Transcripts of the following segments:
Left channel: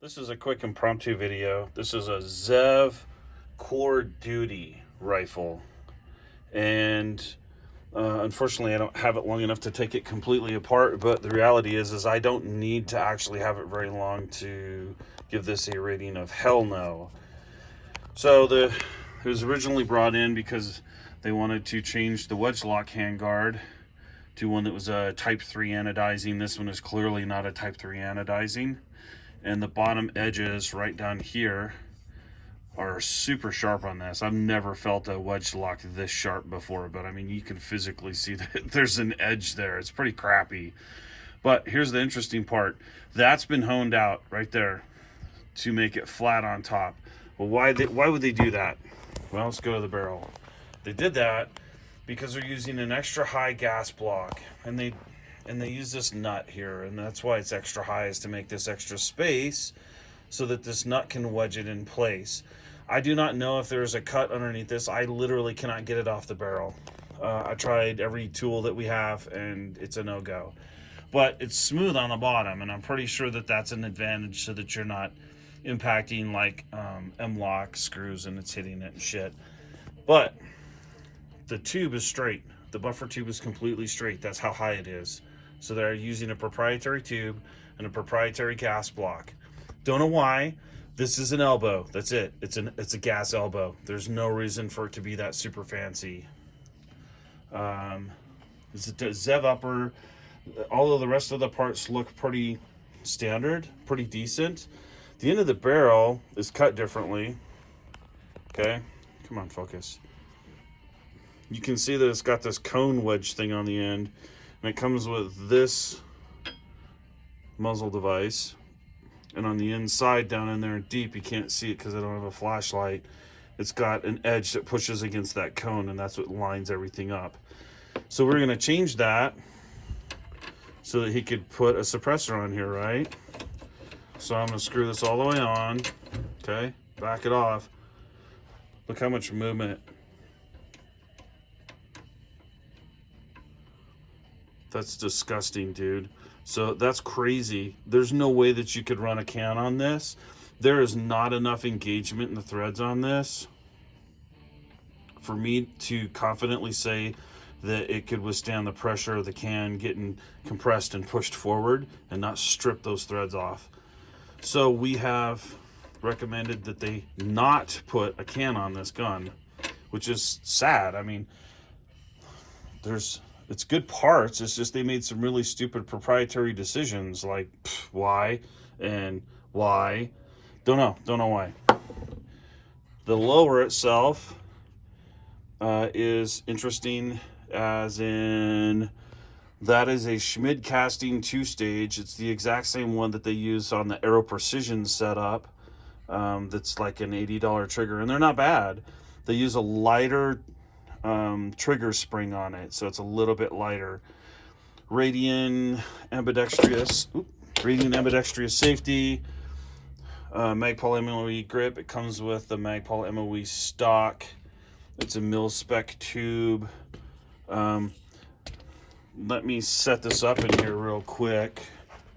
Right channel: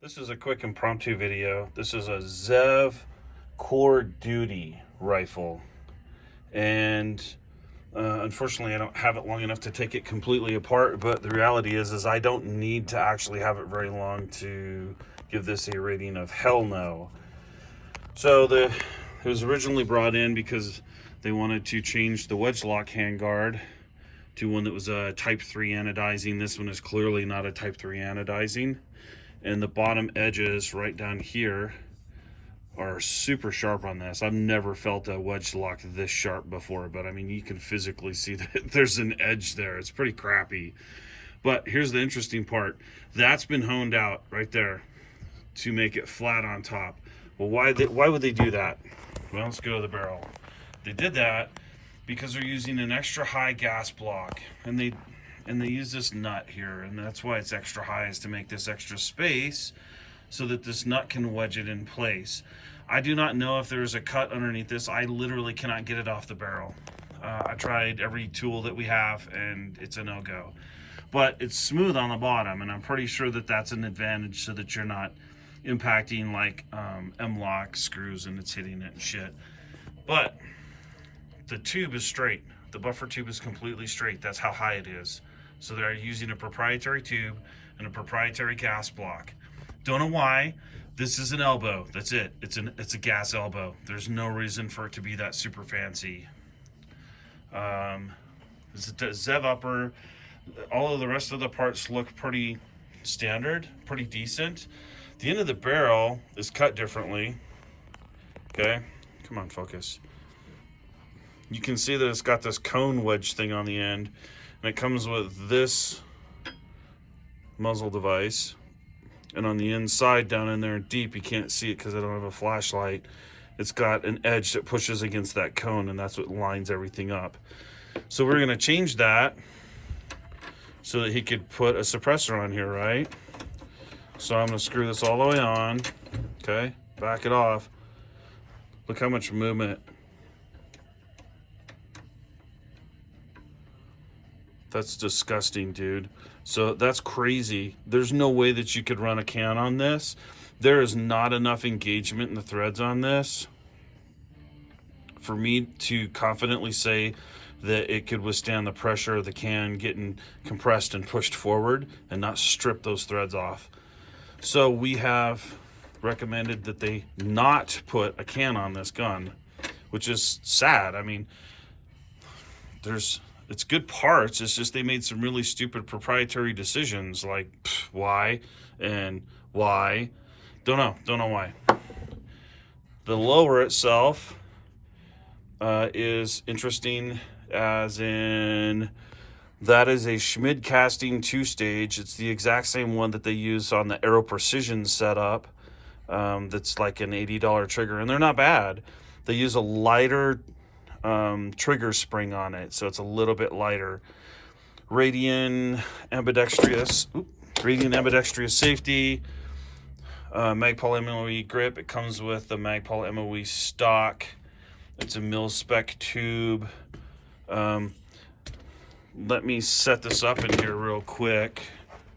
This is a quick impromptu video. This is a Zev Core Duty rifle. And unfortunately, I don't have it long enough to take it completely apart. But the reality is I don't need to actually have it very long to give this a rating of hell no. So it was originally brought in because they wanted to change the wedge lock handguard to one that was a type 3 anodizing. This one is clearly not a type 3 anodizing. And the bottom edges right down here are super sharp on this. I've never felt a wedge lock this sharp before, but I mean, you can physically see that there's an edge there. It's pretty crappy. But here's the interesting part. That's been honed out right there to make it flat on top. Well, why would they do that? Well, let's go to the barrel. They did that because they're using an extra high gas block, and they use this nut here, and that's why it's extra high, is to make this extra space so that this nut can wedge it in place. I do not know if there's a cut underneath this. I literally cannot get it off the barrel. I tried every tool that we have, and it's a no-go. But it's smooth on the bottom, and I'm pretty sure that that's an advantage so that you're not impacting like M-lock screws and it's hitting it and shit. But the tube is straight. The buffer tube is completely straight. That's how high it is. So they're using a proprietary tube and a proprietary gas block. Don't know why. This is an elbow. That's it. It's a gas elbow. There's no reason for it to be that super fancy. This is a Zev upper. All of the rest of the parts look pretty standard, pretty decent. The end of the barrel is cut differently. Okay, come on, focus. You can see that it's got this cone wedge thing on the end, and it comes with this muzzle device. And on the inside, down in there deep, you can't see it because I don't have a flashlight. It's got an edge that pushes against that cone, and that's what lines everything up. So we're gonna change that so that he could put a suppressor on here, right? So I'm gonna screw this all the way on, okay? Back it off. Look how much movement. That's disgusting, dude. So that's crazy. There's no way that you could run a can on this. There is not enough engagement in the threads on this for me to confidently say that it could withstand the pressure of the can getting compressed and pushed forward and not strip those threads off. So we have recommended that they not put a can on this gun, which is sad. I mean, it's good parts. It's just they made some really stupid proprietary decisions, like why and why. Don't know why. The lower itself is interesting, as in that is a Schmid casting 2-stage. It's the exact same one that they use on the Aero Precision setup. That's like an $80 trigger, and they're not bad. They use a lighter trigger spring on it, so it's a little bit lighter. Radian ambidextrous safety, Magpul MOE grip. It comes with the Magpul MOE stock. It's a mil spec tube. Let me set this up in here real quick.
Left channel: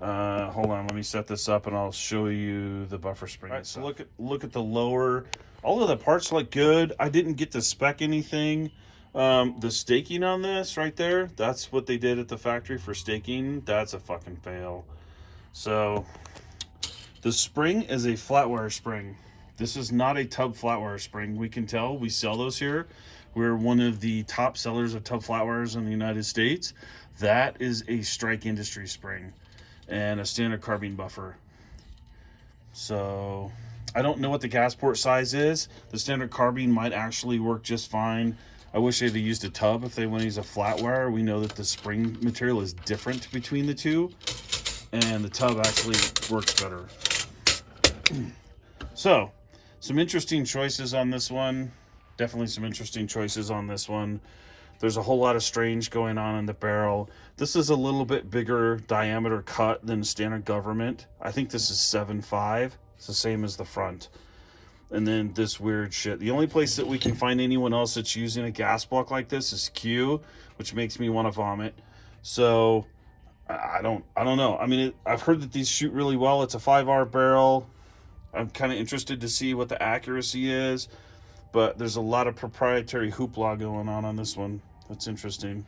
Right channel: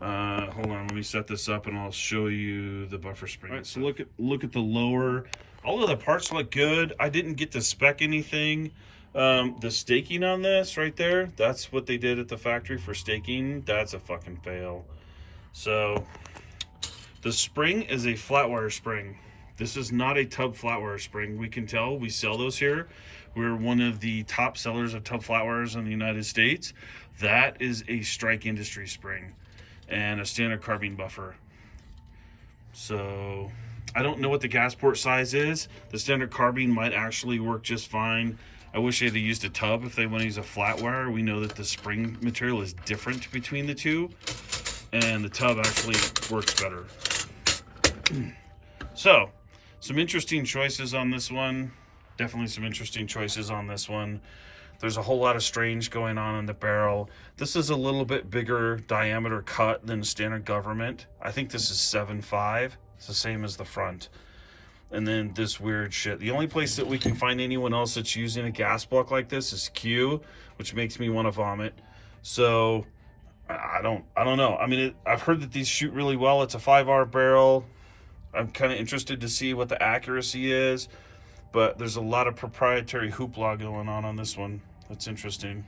Hold on, let me set this up and I'll show you the buffer spring. All right, so look at the lower. All of the parts look good. I didn't get to spec anything. The staking on this right there, that's what they did at the factory for staking. That's a fucking fail. So the spring is a flat wire spring. This is not a tub flat wire spring. We can tell, we sell those here. We're one of the top sellers of tub flat wires in the United States. That is a Strike Industry spring and a standard carbine buffer. So I don't know what the gas port size is. The standard carbine might actually work just fine. I wish they'd used a tub if they want to use a flat wire. We know that the spring material is different between the two, and the tub actually works better. So, some interesting choices on this one. Definitely some interesting choices on this one. There's a whole lot of strange going on in the barrel. This is a little bit bigger diameter cut than standard government. I think this is 7.5. It's the same as the front. And then this weird shit. The only place that we can find anyone else that's using a gas block like this is Q, which makes me want to vomit. So I don't know. I mean, I've heard that these shoot really well. It's a 5R barrel. I'm kind of interested to see what the accuracy is, but there's a lot of proprietary hoopla going on this one. That's interesting.